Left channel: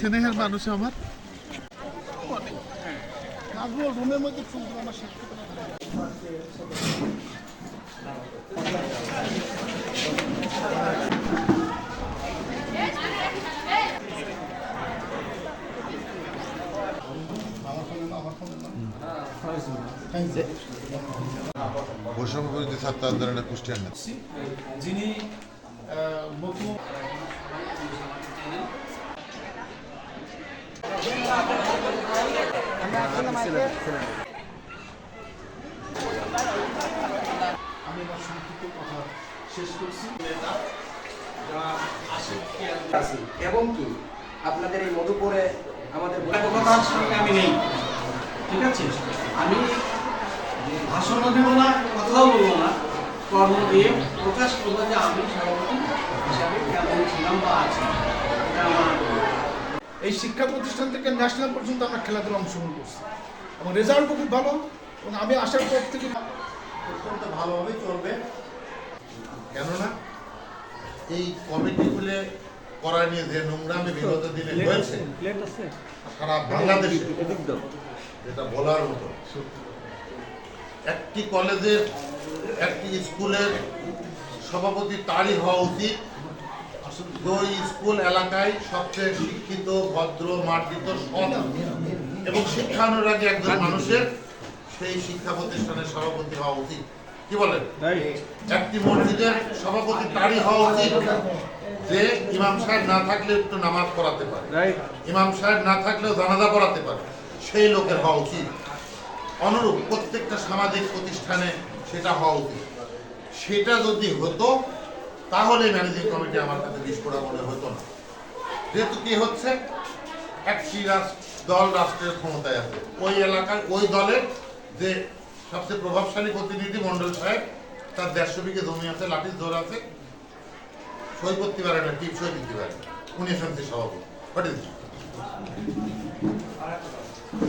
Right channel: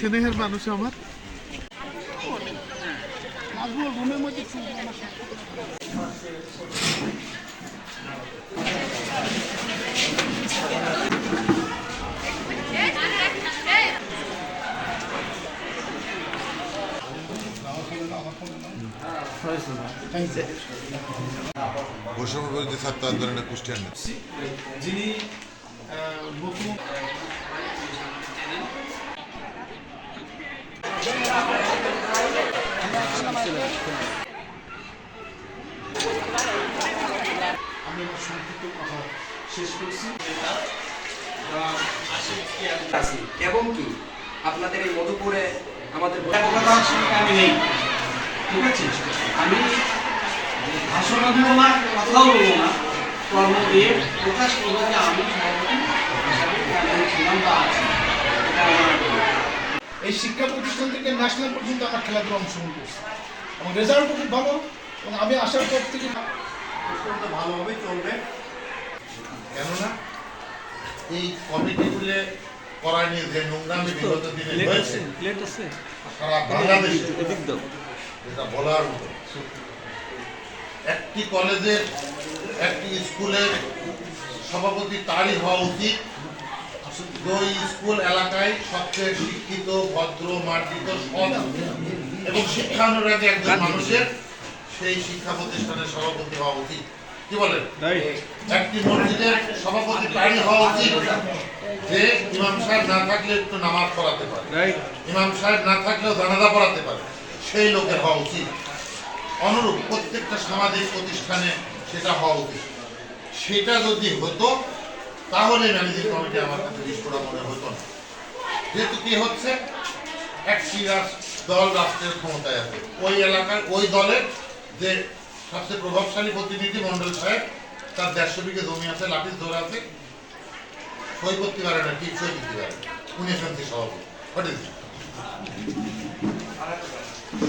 স্নেহের মানুষ আমার। রুমের মধ্যে আমার খ্রিস্টান যিনি আমি আমার সংক্ষিপ্ত কথা শেষ করছি এবং কি? আপনাদের এই মধুপুরে আমাদের আমি নেই। ঠিক আছে? আমি ভাষণও দেবো না কথাও বলব না, কর্ম দিয়ে প্রকাশ করব যে আমি ছিলাম বা আছি। এই শিক্ষা প্রতিষ্ঠান থেকে ন্যাশনাল পর্যন্ত আমরা খেলাধুলা অংশগ্রহণ করছি। এবং রেজাল্টও খুব ভালো এবং আমি আশা করি থেকে অত্যন্ত ভালোভাবেই চলবে। কেননা এই কমিটিগুলো করায় নিয়ে যে নোংরামি বিগত দিনে হয়েছে সারা বাংলাদেশে এটা বলার মতো। একটি কলেজের একটি স্কুলের সভাপতি তারই হওয়া উচিত। ওই স্কুল এলাকায় সবচেয়ে শিক্ষিত ভদ্র মার্জিত সৎ এবং শিক্ষানুরাগী একজন মানুষের সেই শিক্ষা প্রতিষ্ঠানের সভাপতি হওয়া উচিত। কি বলেন? একটি মসজিদের সভাপতি তারই হওয়া উচিত যে ইমাম সাহেব না থাকলে একটু নামাজ পড়াতে পারে। ইমাম সাহেব না থাকলেও জানাজা পড়াতে পারে। সেই লোকের হওয়া উচিত। অনুরূপ প্রত্যেকটা সামাজিক প্রতিষ্ঠানে সেটা হওয়া উচিত। সেটা যদি হতো তাহলে ম্যানেজিং কমিটি আমার কাছে বিস্ফোরণ মনে হতো না। যেহেতু কি হচ্ছে একটি রাষ্ট্র দল রাষ্ট্রের ক্ষমতায় আছে। ওই এলাকার ওই দলের যে সবচেয়ে প্রভাবশালী প্রতিনিধি মন্ডল সাহেব, তার দেড়শো বিঘে জমি আছে, লাঠির জোর আছে। সই করতে পারে না ঠিক সই দিতে পারে। উনি এসএমসি সভাপতি।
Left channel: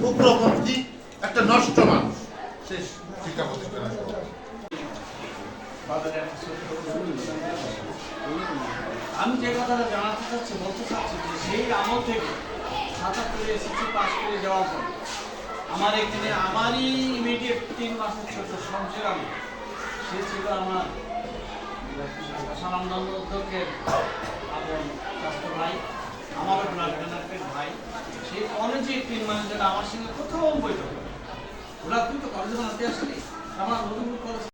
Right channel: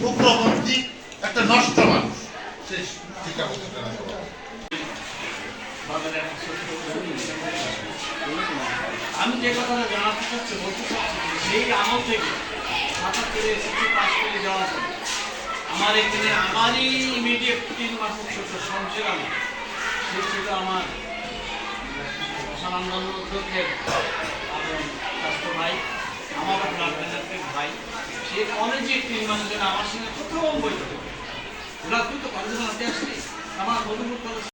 উগ্রপন্থী একটা নষ্ট মানুষ। সে শিক্ষা প্রতিষ্ঠানের সভাপতি। আমি যে কথাটা জানাতে চাচ্ছি, বলতে চাচ্ছি সেই আমল থেকে সাতাত্তরে এসএসসি পাস করে যাওয়ার জন্য আমার এখানে আমারই ইমিডিয়েট তিন মাস ছোট সঞ্চয় আমার সে ছিল আমার অধ্যক্ষের এবং স্বাস্থ্য ভাই, আমার ডোনেটেড ভাই। সে কলেজে তিন জন্য আমার সঙ্গে প্রথম বৈঠক ওরা তুই তো কলেজে হাতে আসলি আমার মধুপুর কলেজ